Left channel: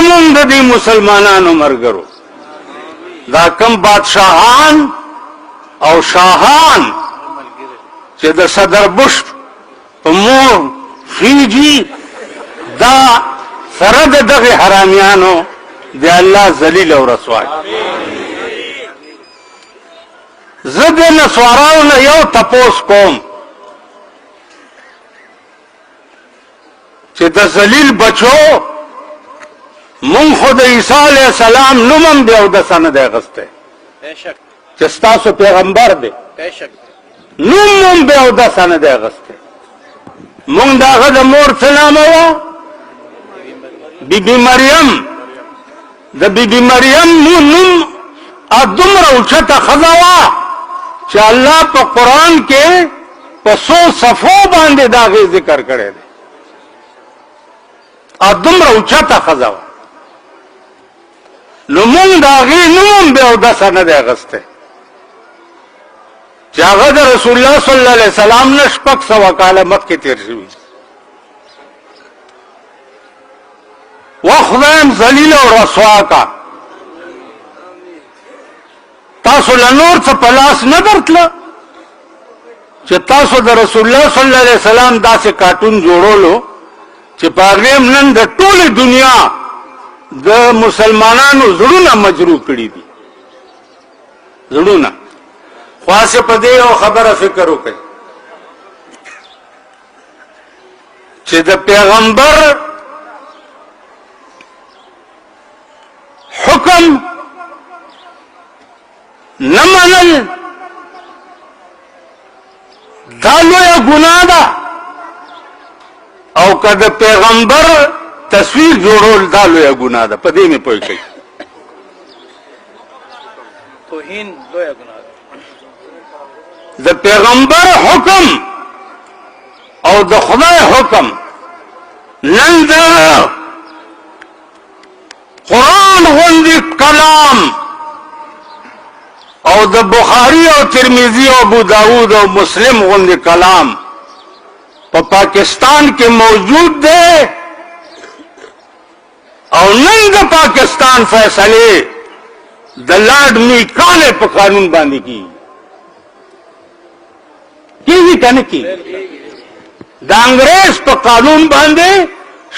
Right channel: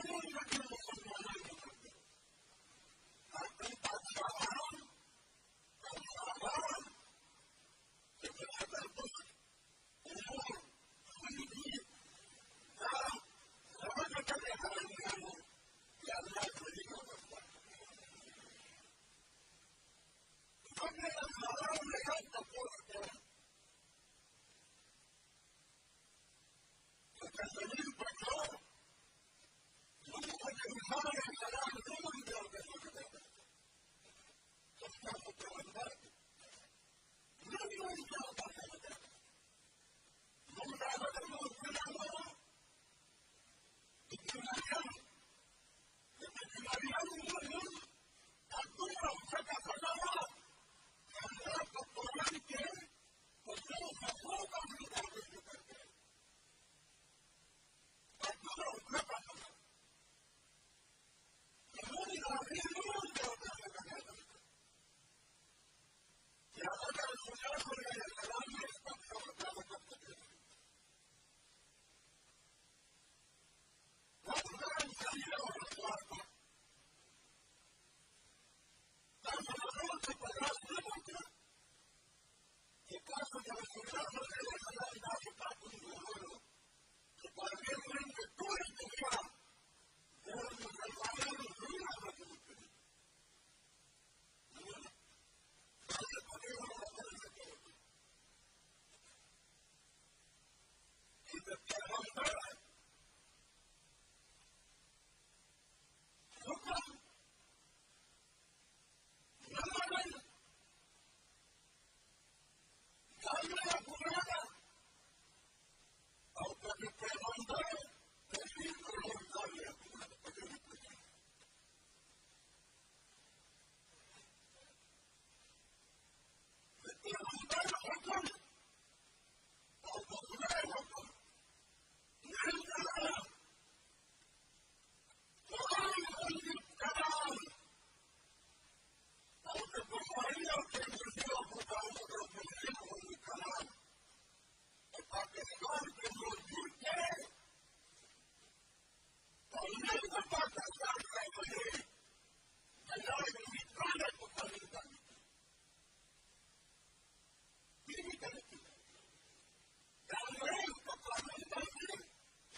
زمون د دې مسلمانانو مرګرو دا کم بادشاہان او شاهان چې د صدر بش په مور خیجی دا سره د دغه حرامیانو دی الله ذلیل او رسوا زه د نسوارانو نه یو تپوس کوم چې د ذلیل بچو مونږ خو د عیسی علیه السلام نوم هم بیا اودسه نه دی اخیستی چې ستاسو پیغمبر دی نوم هم بیا اودسه نه دی اخیستی مونږ د هغه د مور څه نامه وه بیبي مریم د بیبي مریم نوم دومره اوچته ښځه وه چې الله په قرآن کې په 100 صفحو باندې د هغې ذکر کړی دی دومره اوچته ښځه وه نو مونږ د هغې نوم هم بیا اودسه نه دی اخیستی چې هغه د رسول الله صلی الله علیه وسلم نه 600 کاله مخکې تېر شوي و خدایم ذلیل او رسوا کا تاسو له نور څه په لاس نه درتله چې تاسو د رسول الله صلی الله علیه وسلم داسې کارټون جوړولو چې په هغې نن د ټولې دنیا د مسلمانانو زړونه مجروح کړي دي زړونه خاصه په دې یو خبره فکر وکړئ چې د پیغمبر حکم نه منل دا لویه ګناه ده او که د پیغمبر تصویر جوړول دا لویه ګناه ده په دې مې پوه کړئ توهین لویه ګناه ده د پیغمبر حکم او د خدای حکم نن د قرآن غوندې کلام او د بخاری او ترمذی او ابو داود او مسلم غوندې کلام په پاکستان کې موجود دی او نن د پاکستان فیصله د لارډ میکالې په قانون باندې کیږي کنه کیږي د انګریز په قانون باندې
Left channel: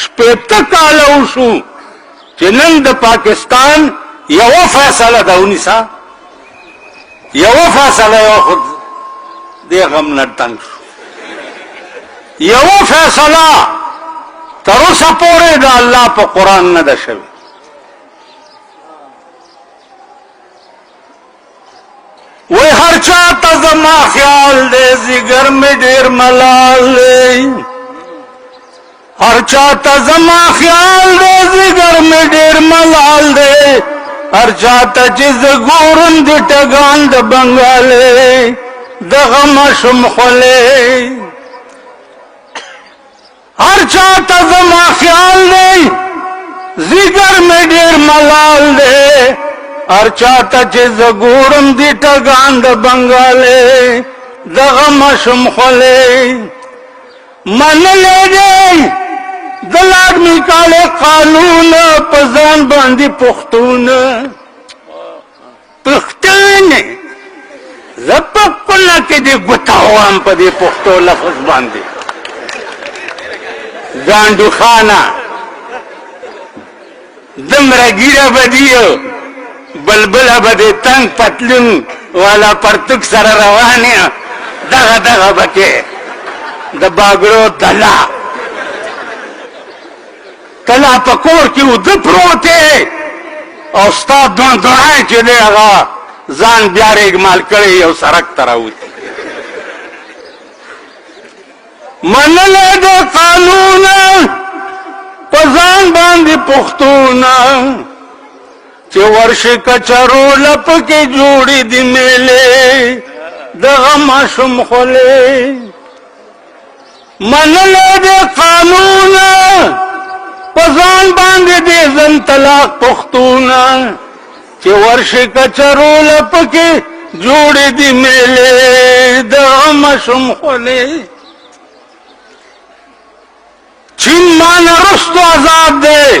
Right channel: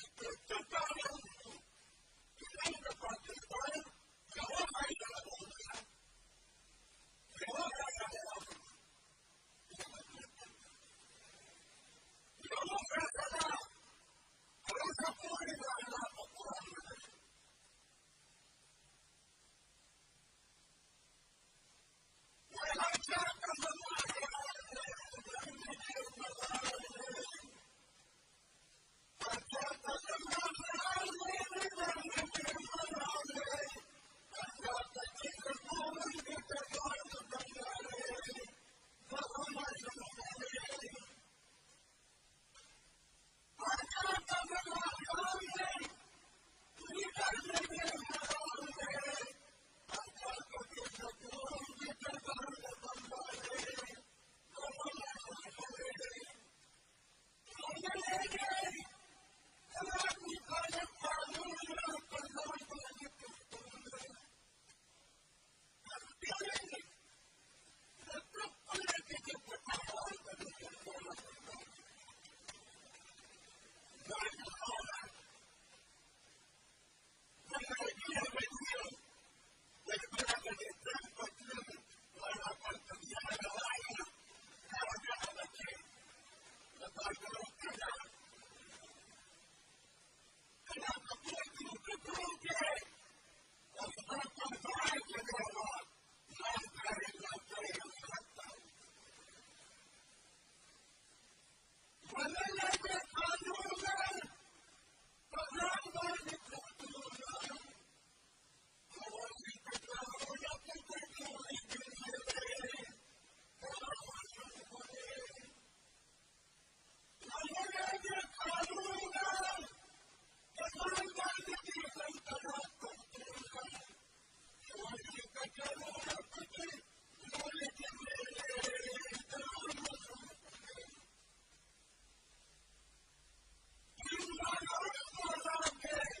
70 کاله وشو چې نن د پاکستان یو فیصله ده ونیسه یو فیصله یو خود دې غم نه تنګ شو یو فیصله تر اوسه پورې د الله په قرآن نه ده شوې وی هر چا ته زما خیال دی زیګر مې ډېر ملال دی هر چا ته زما خیال دی زیګر مې ډېر ملال دی هر چا ته چې زه ګورم د ټګان د بنګالې دغه ماشوم خولې هر چا ته زما خیال دی زیګر مې ډېر ملال دی هر چا ته چې زه ګورم د ټګان د بنګالې دغه ماشوم خولې منلی دی د لارډ میکالې قانون په ځان باندې پښتون زه په کونه کې دې ګوته وهم په دې پښتو لفظ باندې ګانډو خانه دومره ګیره به دي بلبله به دې تنګ پتلون والا پرتوک سره روان یې دغه به کې د باګړو دله کله په کور کې اوده پروت دی او ستا دونی چې دی هغه ځان بیا ریګمال کړی یو سړک ته راوځي منلی د قانون په ځان باندې پښتون چې ورشي کچرو لپ کې جوړې دي میلې دغه ماشوم خولې منلی د قانون په ځان باندې دې زن طلاق پښتون چې ورشي کچرو لپ کې جوړې دي میلې دغه ماشوم خولې چین مان رستو آزاد دے